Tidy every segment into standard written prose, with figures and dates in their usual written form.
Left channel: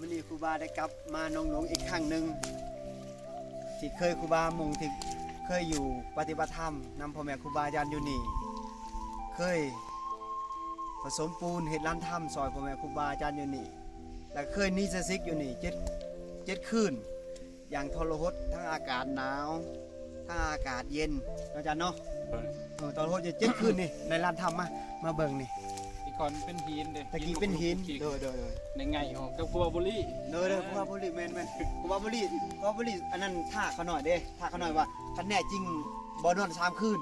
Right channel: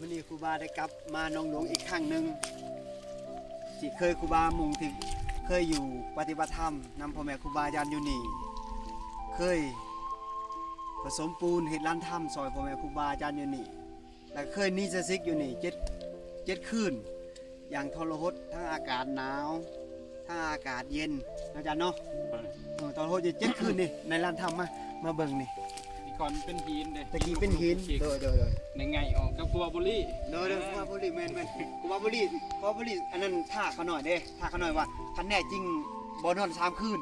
มื้อนี้ครูบาได้กลับมาหนองหลวงอีกครั้งหนึ่งที่เคยครูบามุ่งที่เคยอยู่ปฏิบัติธรรมนำพ่อแม่ครูบาอาจารย์อยู่นี่เคยผสมปูนเฮ็ดลานถ้ำซอยพ่อแม่ครูบาอาจารย์อยู่นี่และเคยนิสสิกอยู่นี่เจ็ดคืนอย่างทรหดทั้งอากาศหนาวทั้งอากาศเย็นอาจารย์เนาะทรหดจะ7 คืนนี่ในลานถ้ำมาเบิ่งนี่ อีกคนเป็นหินเด้ ตะกี้เป็นหินโดย ในไงออกกับบัวบุรี ครูบาบุรีแม่นครูบาบุรีอันนั้นท่าเขาหน่อยเด้ท่าเขาหน่อยว่าคันแน่จริงบ่นอน3 คืน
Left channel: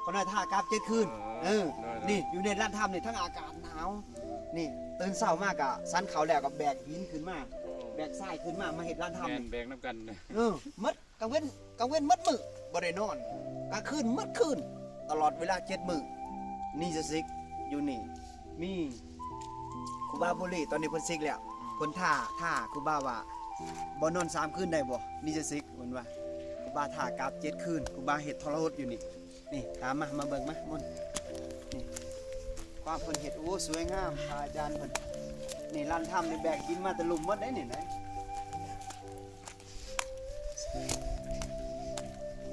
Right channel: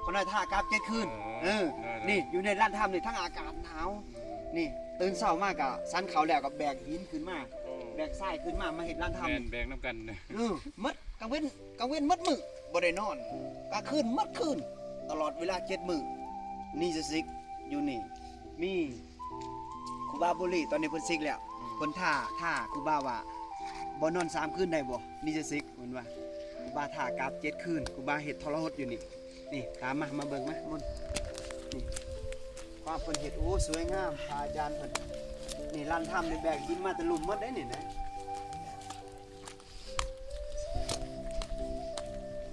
เขาหน่อยท่ากราฟ7 คืนนี่อยู่ในลานถ้ำนี่ทั้งอากาศหนาวนี่ตื่นเช้ามากอะสันเขาแล้วก็แบกหินขึ้นมาแบกทรายขึ้นมาเฮ็ดลานถ้ำ แม่นแบกน้ำกัน มัดกลางเว้นมัดมื้อบ่ได้นอนกลางคืนมัดคืนตลอดเวลา7 มื้อนี่จะซิกอยู่นี่มีครูบาบุรีตอนนี้เพิ่นซิกแล้วเพิ่นท่าครูบาว่าบ่นอน3 คืนได้บ่นี่จะซิกเหมือนว่าครูบาท่ากราฟ7 คืนครูบาเฮ็ดทรหดอยู่นี่ตามมาเบิ่งมามุ่นนี่ความเพิ่นเฮ็ดโอ้สวยงามพระอาจารย์เพิ่นนี่ลานถ้ำนี่แบกหินมาแต่หลุมหมดได้นี่นะ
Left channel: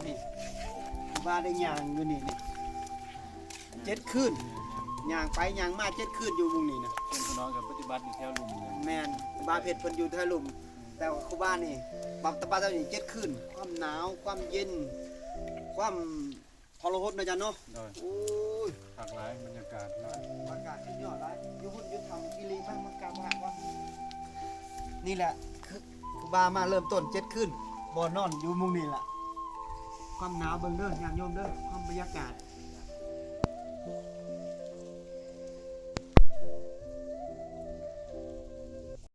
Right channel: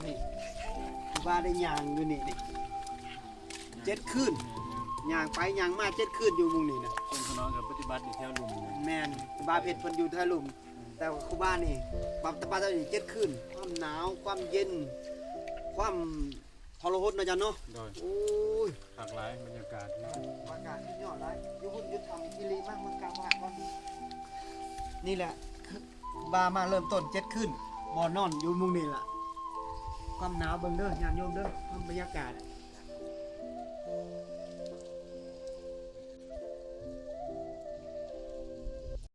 นี่ครูบาได้ย่างอยู่นี่7 คืนย่างไปย่างมา7 คืนอยู่มุงนี่นะ เป็นพี่น้องกับปฏิบัติอยู่แถวลุมเนี่ย แม่นครูบาเพชรเพิ่นอยู่แถวหลุมแต่ว่าครูบานี่ปรับตะปาตะอยู่7 คืนความหนาวความเย็นความทรหดนะจ๊ะเนาะ โดย โอ้ย หลากหลายบรรยากาศนะ อากาศสุดยอดเลยอยู่หุ่นอยู่ทำกิริมากเมืองกลางว่านี่แหละครูบามาเริ่มต้น7 คืนบ่นอนอยู่มุงนี่ล่ะความหนาวเบิ่งเด้อญาติโยมเด้อความบรรยากาศ